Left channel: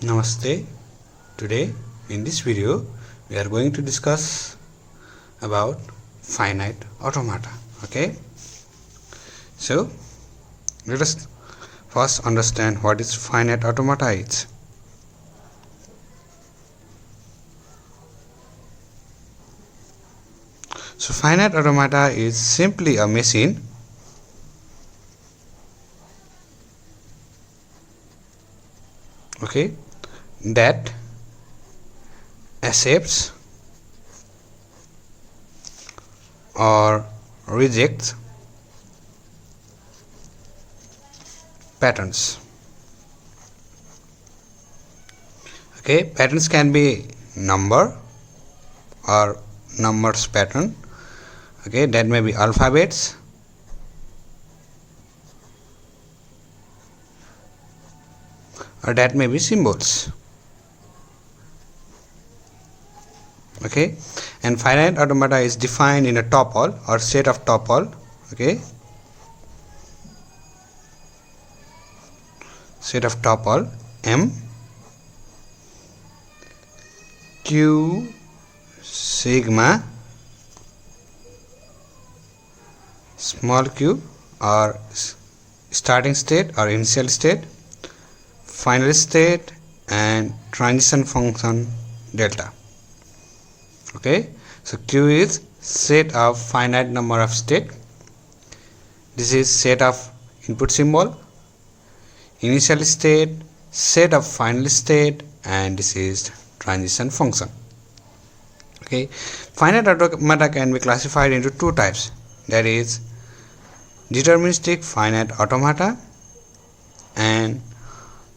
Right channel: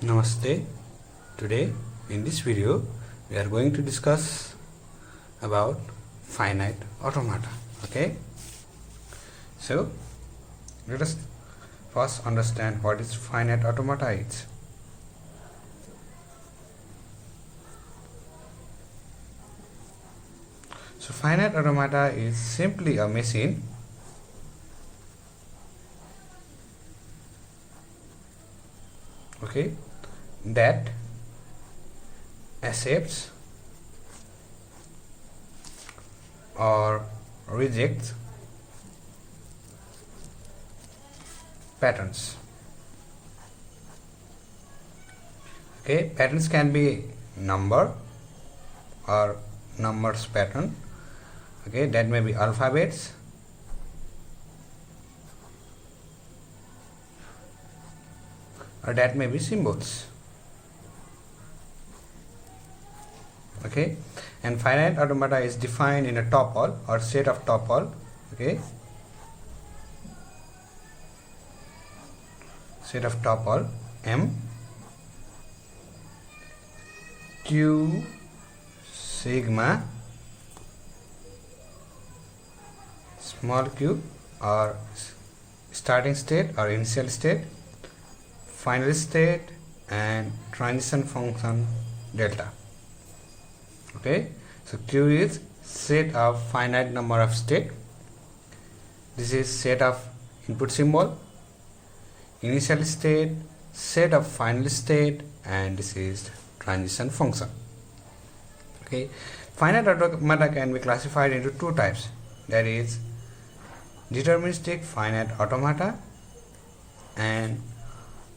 Namaste. Today in this video we are going to discuss about finite automata. Okay, so let us first understand what is finite automata is. So finite automata is simply a machine that accepts or rejects patterns. Patterns can be number or numbers pattern. That may be alphabets, or that may be symbols. And finite automata is defined in a tuple or set of tuple. Set of tuple M, Q, sigma, small q or starting state or initial state, final state, and transition function delta. So Q is set of finite number of state. This is set of input symbol, initial state, set of final state, and this is transition function. Finite automata can be classified into two types, that is deterministic finite automata and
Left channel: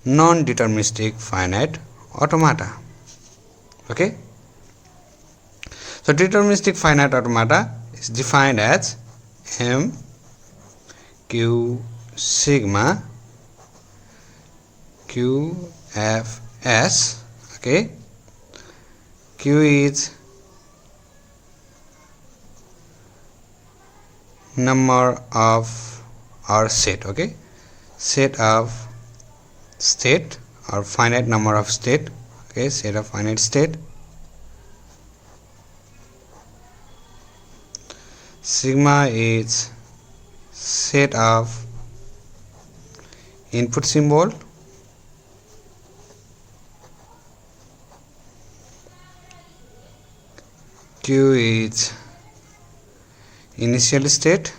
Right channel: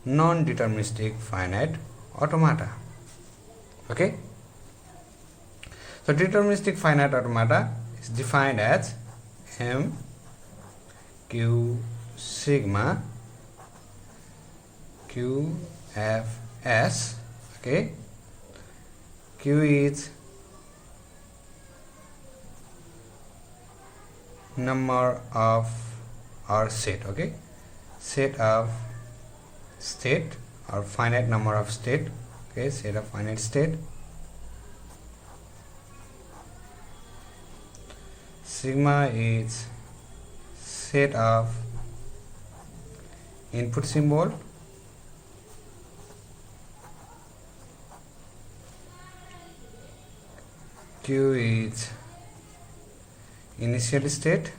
non-deterministic finite automata. So deterministic finite automata is defined as M, Q, sigma, Q, F, S. Q is number of or set. Set of state or finite number of state. Set of finite state. Sigma is set of input symbol, Q is initial state,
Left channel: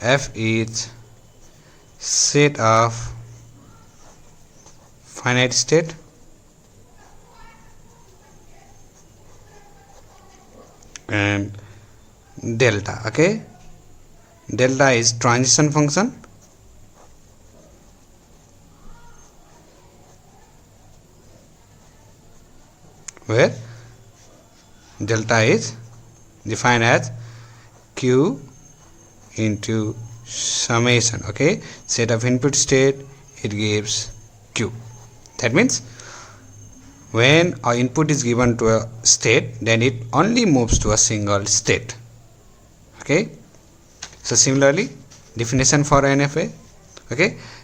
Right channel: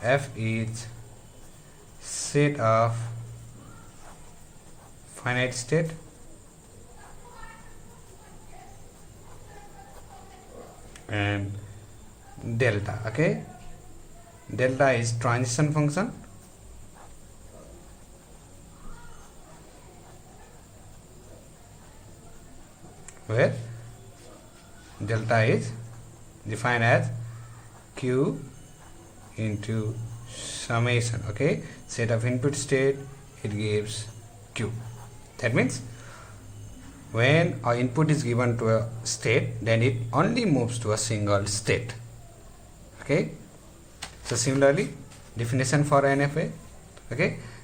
F is set of finite state, and delta. Delta is transition function, where delta is defined as Q into summation. Set of input state, it gives Q. That means when our input is given to a state, then it only moves to a single state. So similarly, definition for NFA.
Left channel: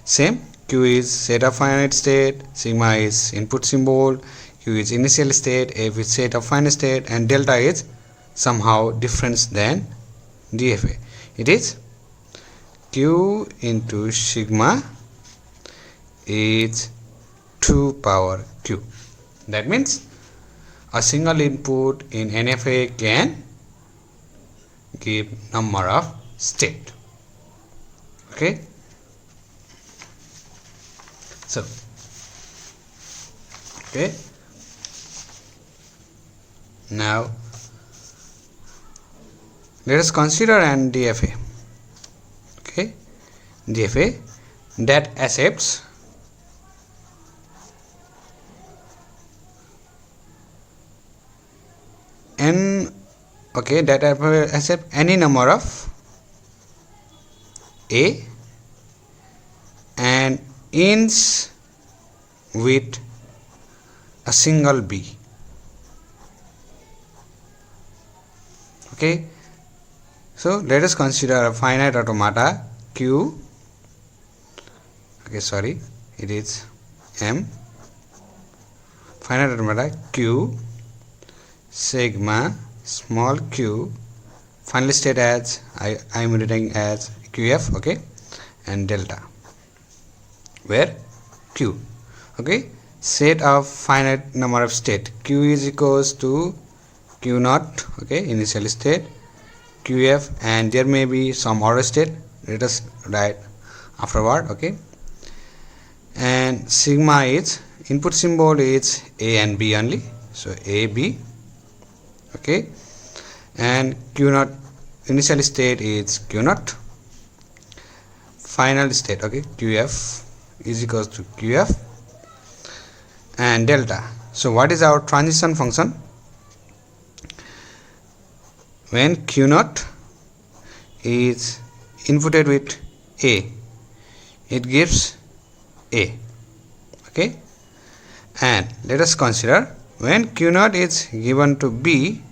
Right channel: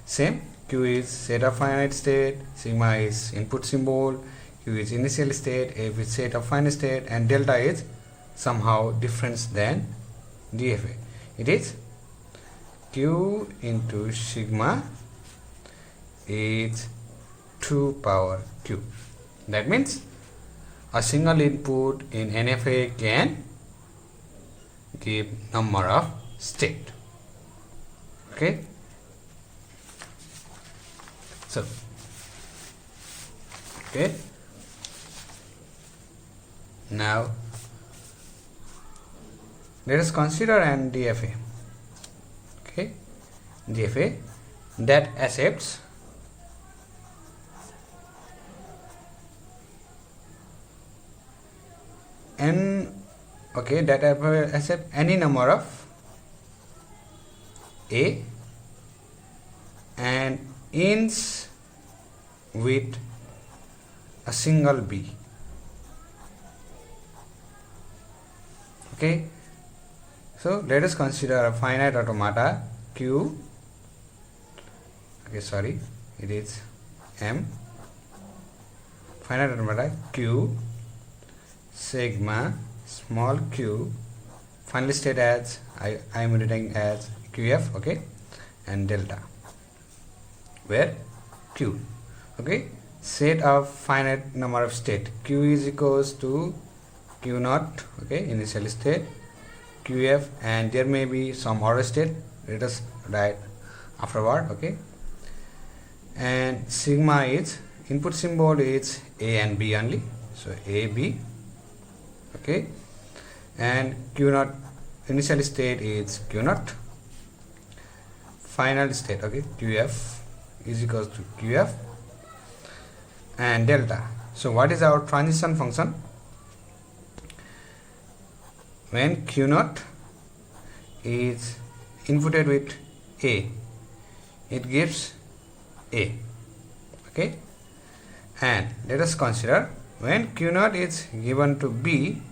Same, Q is set of finite state, sigma is input symbol, Q is initial state, F is set of final state, and delta is somehow different than DFA. It is Q into sigma is 2 power Q. That means a single input in NFA can give number of state. So now let us consider an DFA. DFA that accepts that accept any number of A and ends with a single B. So let us consider a finite automata q, okay, sorry, it is m, finite automata q, sigma, small q, final state as I am writing as qf, okay, and delta, where q, okay, set of finite number of state, q is equals to q naught, okay, initial state, qf, and there may be some order state, let us write afterward, okay, and sigma is input symbol is a and b only, so a b, okay, and q naught initial state is q naught, final state, okay, qf is equals to qf, and delta. So what is our transition function? When q naught is inputted with a, it gives a, okay, and let us consider when q naught is given to b,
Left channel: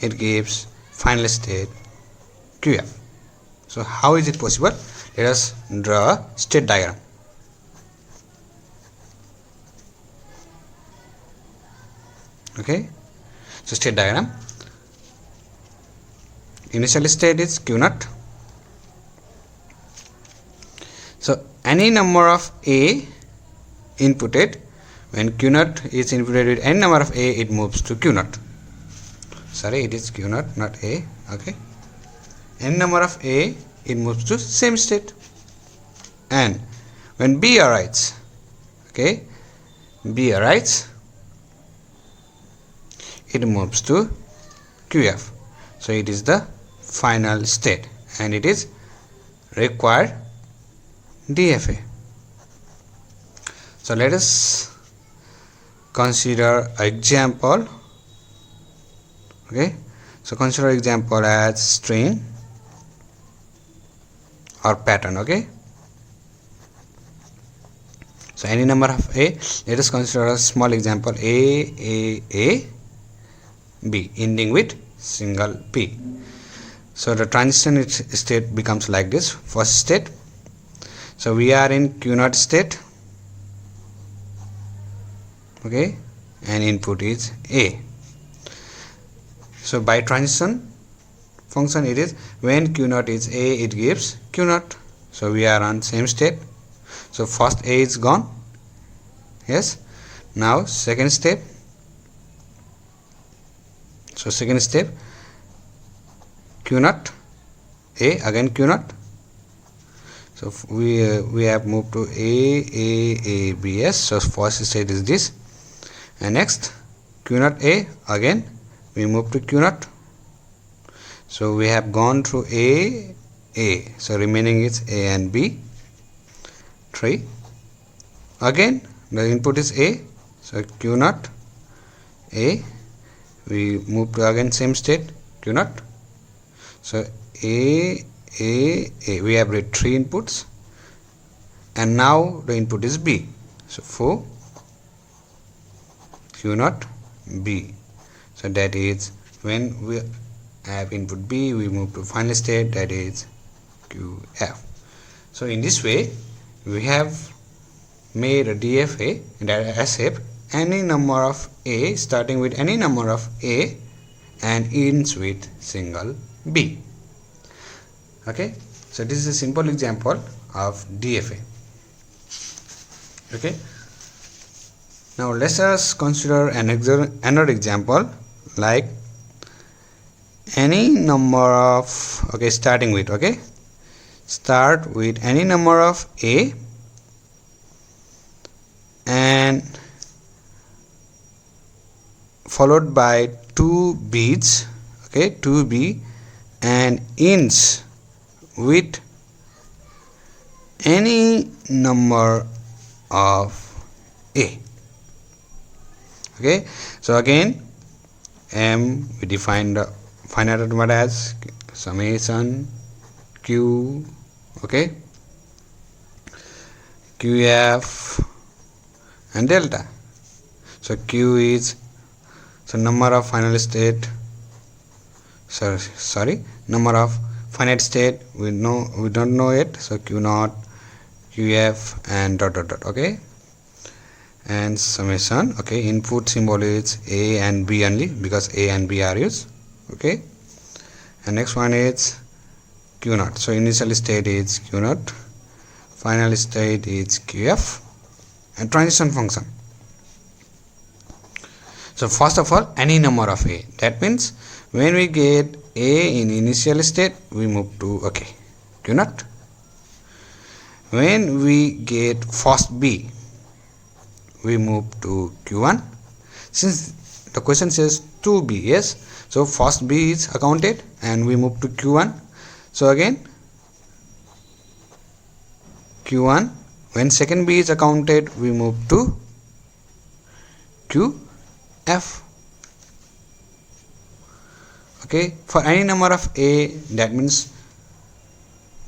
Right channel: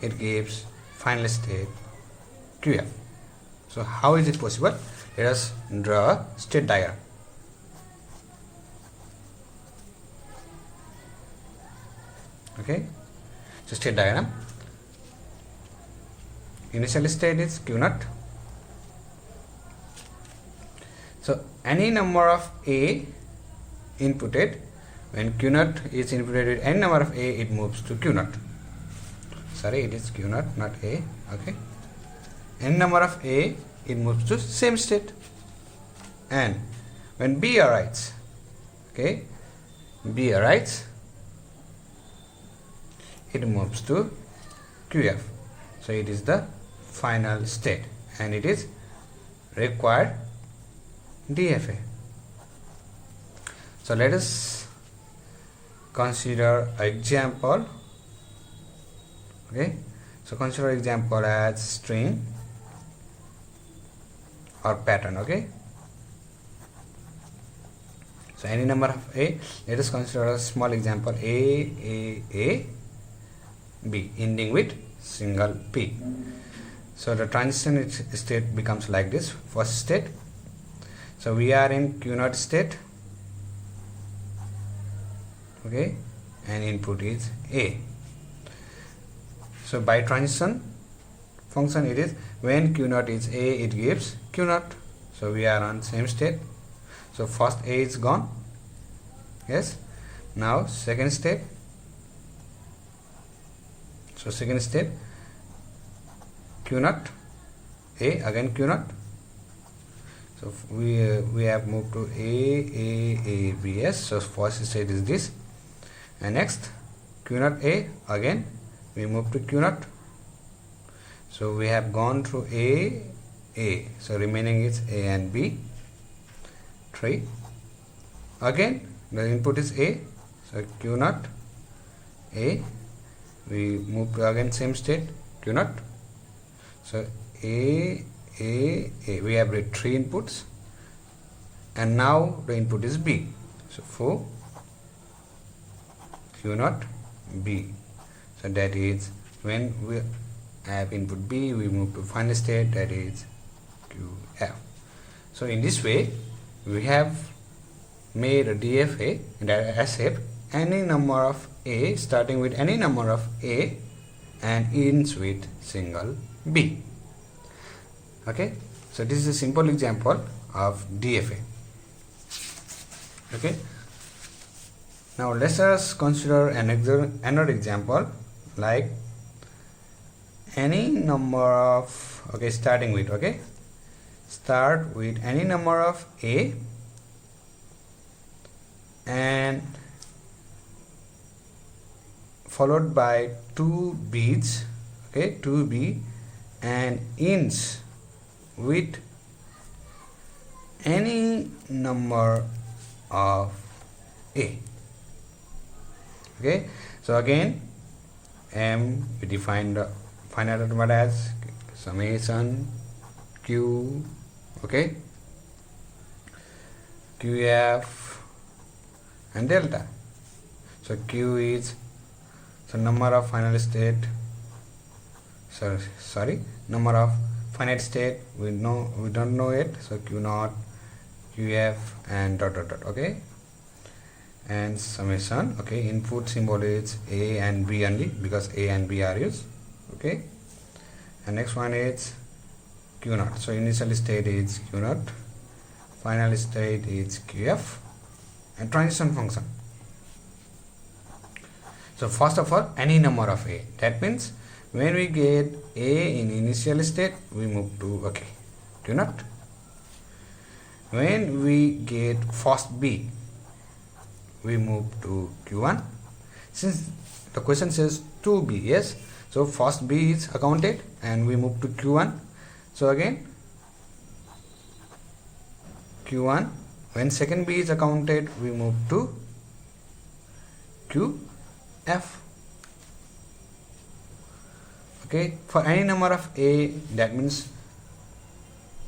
it gives final state qf. So how is it possible? Let us draw a state diagram. Okay, so state diagram, initial state is q naught, so any number of a inputted, when q naught is inputted with any number of a, it moves to q naught, sorry, it is q naught, not a, okay, any number of a, it moves to same state, and when b arrives, okay, b arrives, it moves to qf, so it is the final state and it is required DFA. So let us consider example, okay, so consider example as string or pattern, okay, so any number of a, let us consider a small example a b ending with single p. So the transition state becomes like this. First state, so we are in q naught state, okay, and input is a. So by transition function, it is when q naught is a, it gives q naught, so we are on same state, so first a is gone, yes, now second step, so second step q naught a, again q naught, so we have moved to a b s, so first state is this, and next q naught a, again we move to q naught, so we have gone through a, so remaining is a and b, 3, again the input is a, so q naught a, we move to again same state q naught, so a, we have read 3 inputs, and now the input is b, so 4 q naught b, so that is when we have input b, we move to final state, that is qf. So in this way we have made a DFA that accept any number of a starting with any number of a and ends with single b. Okay, so this is a simple example of DFA. Okay, now let us consider another example, like any number of, okay, starting with, okay, start with any number of a and followed by 2 b's, okay, 2b, and ends with any number of a. Okay, so again m, we define the finite automata as summation q, okay, qf and delta. So q is, so number of final state, sorry, number of finite state we don't know it, so q naught, qf, and dot dot dot. Okay, and summation. Okay, input symbol is a and b only because a and b are used. Okay, and next one is q naught. So initial state is q naught, final state is qf, and transition function. So first of all, any number of a, that means when we get a in initial state we move to q naught. When we get first b we move to q1. Since the question says 2b, yes, so first b is accounted and we move to q1. So again q1, when second b is accounted we move to qf. Okay, for any number of a, that means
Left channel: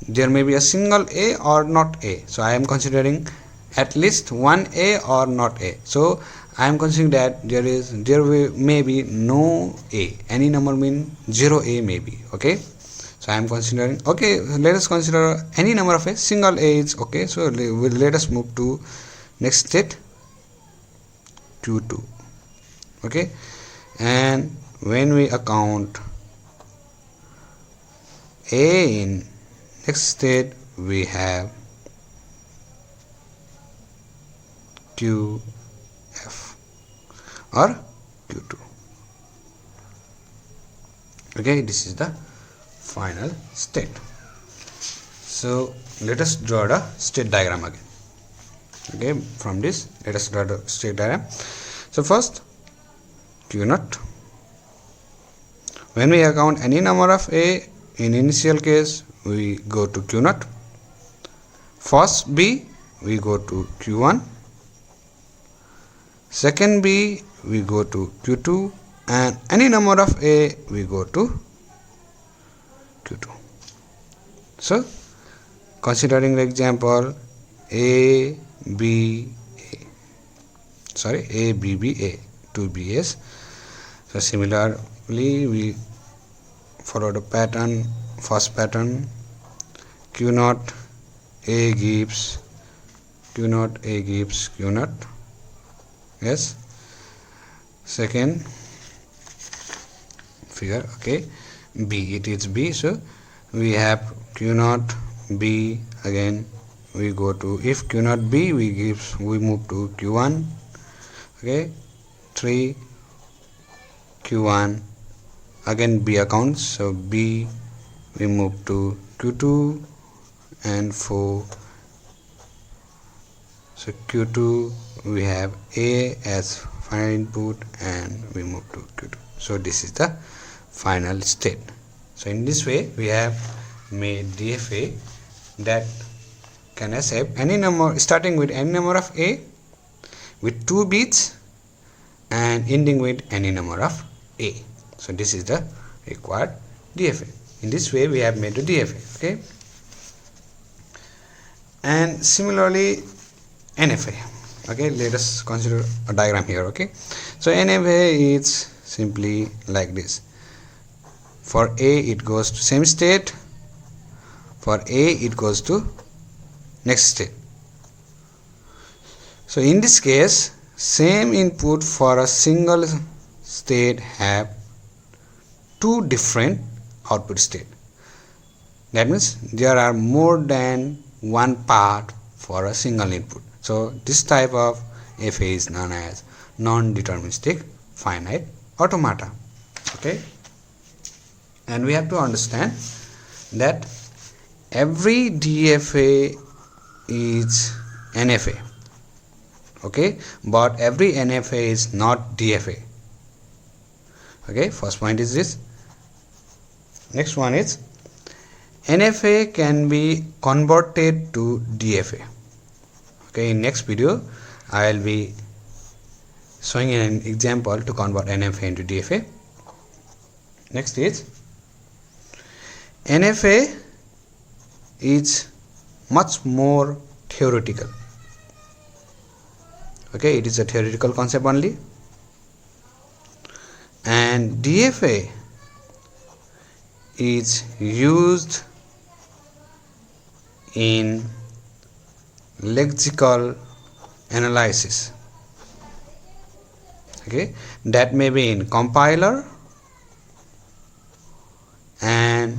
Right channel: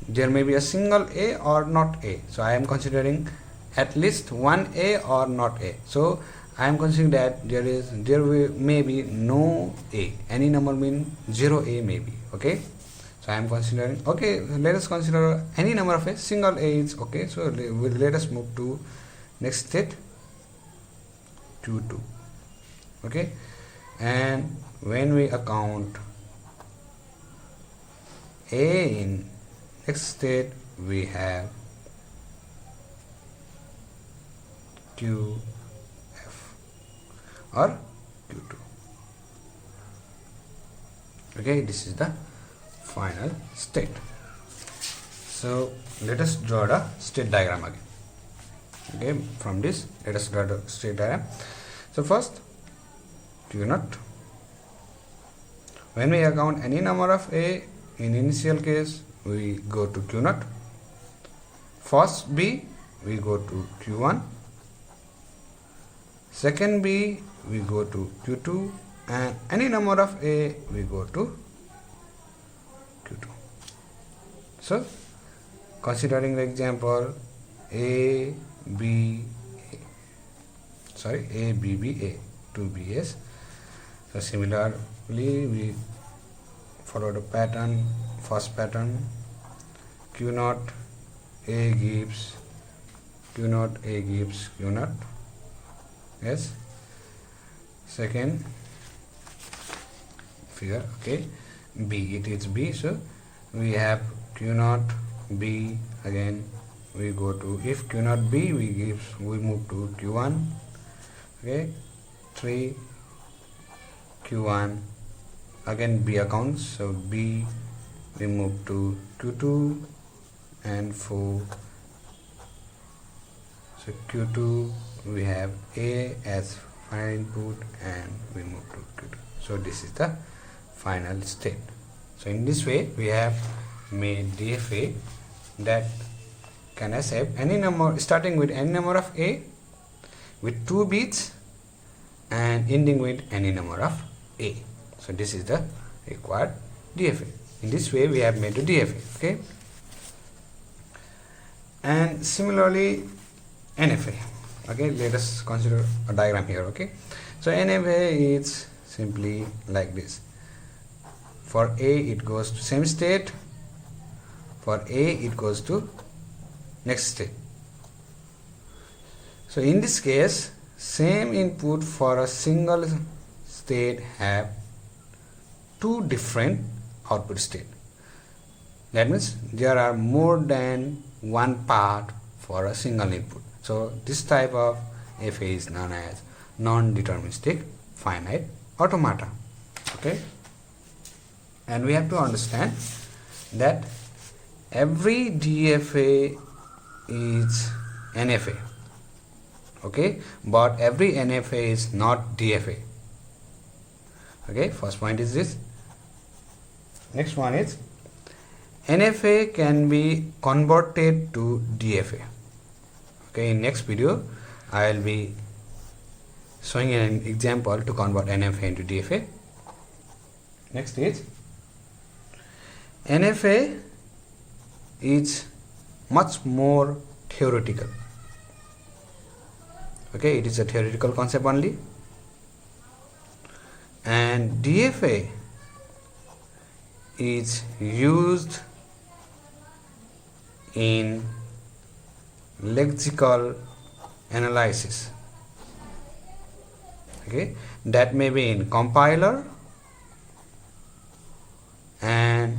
there may be a single a or not a, so I am considering at least one a or not a. So I am considering that there may be no a, any number mean 0 a may be. Okay, so I am considering, okay, let us consider any number of a, single a is okay. So let us move to next state q2. Okay, and when we account a in next state we have qf or q2. Okay, this is the final state. So let us draw the state diagram again. Okay, from this let us draw the state diagram. So first q naught, when we account any number of a in initial case we go to q naught, first b we go to q1, second b we go to q2, and any number of a we go to q2. So considering the example a b b 2bs. So similarly we follow the pattern, first pattern q naught a gives q naught, yes, second figure. Okay, b, it is b, so we have q naught b, again we go to, if q naught b we move to q1. Okay, 3 q1, again b accounts, so b we move to q2, and 4, so q2 we have a as final input and we move to q2. So this is the final state. So in this way we have made DFA that can accept any number starting with any number of a with 2 bits and ending with any number of a. So this is the required DFA. In this way we have made the DFA. Okay, and similarly NFA. Okay, let us consider a diagram here. Okay, so NFA is simply like this. For a it goes to same state, for a it goes to next state. So in this case same input for a single state have two different output state. That means there are more than one part for a single input. So this type of FA is known as non-deterministic finite automata. Okay, and we have to understand that every DFA is NFA. Okay, but every NFA is not DFA. Okay, first point is this. Next one is NFA can be converted to DFA. Okay, in next video I will be showing an example to convert NFA into DFA. Next is NFA is much more theoretical. Okay, it is a theoretical concept only, and DFA is used in lexical analysis. Okay, that may be in compiler and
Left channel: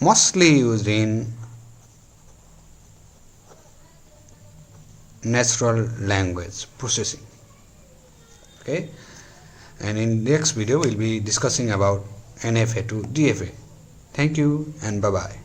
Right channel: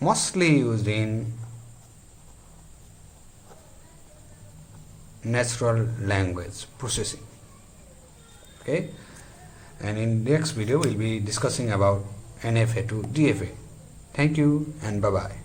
mostly used in natural language processing. Okay, and in next video we'll be discussing about NFA to DFA. Thank you and bye bye.